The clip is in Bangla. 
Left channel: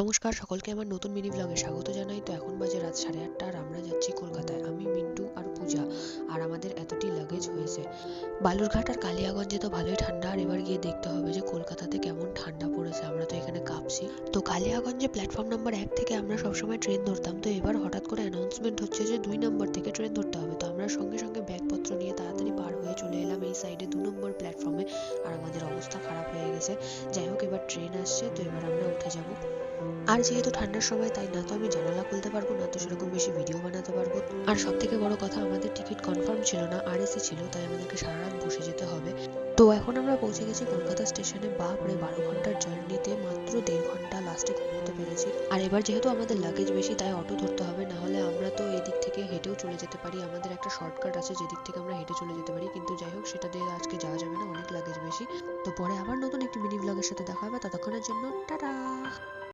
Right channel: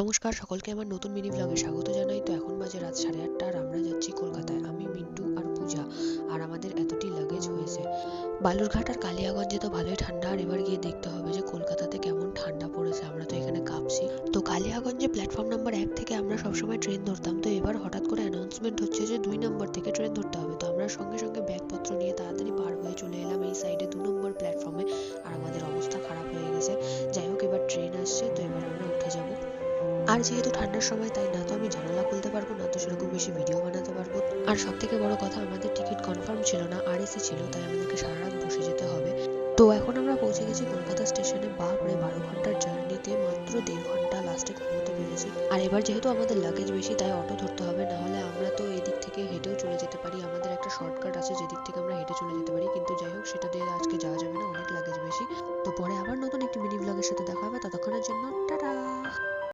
নমস্কার সকলকে আমার নতুন মিনি ব্লগে স্বাগত জানাই। তো এখন বাজে রাত 8:30 আর আমরা যাচ্ছি কলকাতায়। আমি মিন্টু আর পূজা, আর আমাদের এতটি লাগেজ হয়েছে। বালুরঘাট আর কালিয়াগঞ্জে তো ভালোই ঠান্ডা, আর এবার গিয়ে দেখতে হবে যে কলকাতাতে কেমন ঠান্ডা পড়েছে। আমরা তো এখানে কাঁপছি। তো কালিয়াগঞ্জে প্ল্যাটফর্ম নাম্বার 1 থেকে আমরা সবসময় ট্রেন ধরতাম, তো এবার হঠাৎ করে অ্যানাউন্সমেন্ট হচ্ছে যে 2 নম্বর থেকে ট্রেন ধরতে হবে। তো আমরা সঙ্গে সঙ্গে ব্যাগপত্র নিয়ে তাড়াতাড়ি পার হয়ে চলে এলাম এই সাইডে 2 নম্বর প্ল্যাটফর্মে। আর আমাদের অবস্থা খারাপ হয়ে গেছে। যাই হোক, এবার ট্রেন আসছে, তো এবার আমরা উঠে যাব। আর যেহেতু ঠান্ডার সময়, তাই না তো আমি জানালা খুলতে পারবো, না তো সেরকম বেশি ভিডিও বানাতে পারবো। আর সব থেকে বড় কথা, আমাদের টিকিট কনফার্ম ছিল না, আর এসি ছিল, তাই আমাদেরকে সারা রাত বসে যেতে হবে। তো এখন আমরা পৌঁছে গেছি কলকাতা স্টেশনে। বাপরে, 12 ঘন্টার জার্নিতে মাত্র 1.5 ঘন্টা লাস্টে ঘুমোতে পেরেছি। আর এবার যেহেতু আমাদের লাগেজ বেশি, তাই অটো ধরতে হবে, না হলে আমরা তো এদিক থেকে হেঁটেও চলে যেতে পারি। আমাদের একটা শর্টকাট আছে যেদিক থেকে আমরা হেঁটে চলে যেতে পারি, কিন্তু যাই হোক, সেটা দিয়ে আজকে যাওয়া যাবে না, অনেক লাগেজ বেশি। তো পরে আবার নতুন একটি মিনি ব্লগের সাথে দেখা হবে, ততক্ষণের জন্য টাটা।